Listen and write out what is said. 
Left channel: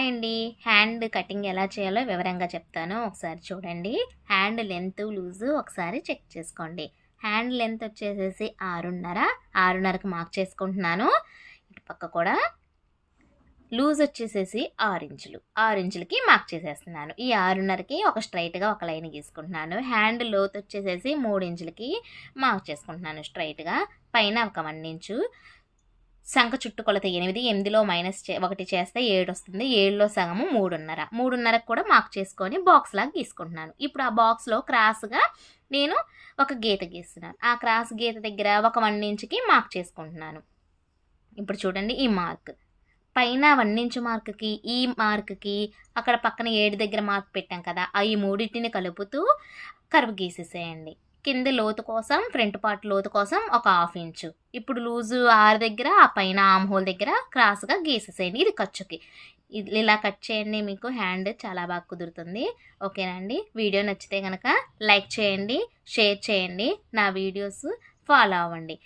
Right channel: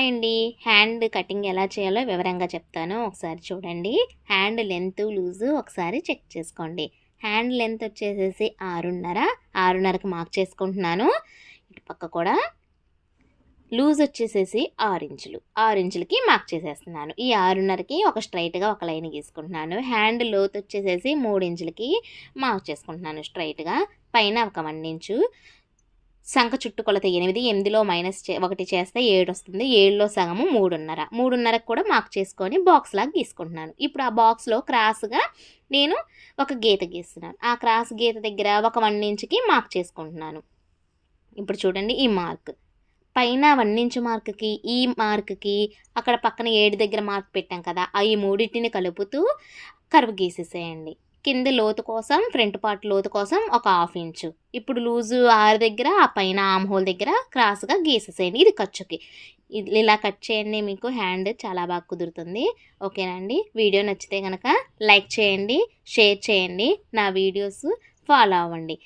Hi అండి. Hand cutting ఎలా చేయాలో వివరంగా చెప్తాను. ఒకసారి చూడండి. హ్యాండ్ లెంత్, లూజు ఒకసారి చెక్ చేసుకోండి. హ్యాండ్ లెంత్ వచ్చేసేసి 6.5, 6.5కి మార్క్ చేసుకుంటున్నాను. ఇటు పక్క కూడా లూజ్ వచ్చేసేసి 6 ఇంచులు, 6 ఇంచులకి మార్క్ చేసేస్తున్నాను. ఈ 6.5కి ఒక స్ట్రైట్గా ఒక లైన్ గీసుకుంటున్నాను. హ్యాండ్ లోతు వచ్చేసేసి 3 ఇంచులకి మార్క్ చేసుకుంటున్నాను స్ట్రైట్గా. పైన ఒక 1 ఇంచు. సంఖ చుట్టు కొలత 8, 8లో -1 చేస్తే 7 వస్తుంది. 7లో సగము 3.5, 3.5కి కూడా మార్క్ చేసుకొని బాక్స్ లాగా గీసుకుంటున్నాను. ఇప్పుడు ఆ బాక్స్లో క్రాస్గా నేను ఒక గీత గీస్తున్నాను. ఆ క్రాస్ గీత దగ్గర ఒక 1 ఇంచుకి మార్క్ చేసుకుంటున్నాను. ఇప్పుడు చూడండి, ఈ మార్క్ పైన 1 ఇంచు మార్క్కి, ఈ మార్క్కి, అక్కడ పక్కన 7 దగ్గర మార్క్ పెట్టాం కదా, ఈ మూడింటిని కలుపుతూ కర్వ్ గీసేసేయండి. కింద లోతు కోసం, ఫ్రంట్ పార్ట్ లోతు కోసం ఒక 1/2 ఇంచు. ఇప్పుడు లూజు 6 దగ్గర, ఆ పైన ఆమ్ హోల్ దగ్గర క్రాస్గా గీసేసేయండి. ఇది ఖర్చుకి. ఇలా కట్ చేయండి, మీకు హ్యాండ్ చాలా బాగా కుదురుతుంది. ఓకేనండి. వీడియో నచ్చితే కనుక లైక్ చేయండి, షేర్ చేయండి, నా వీడియోస్ ఫాలో అవ్వండి.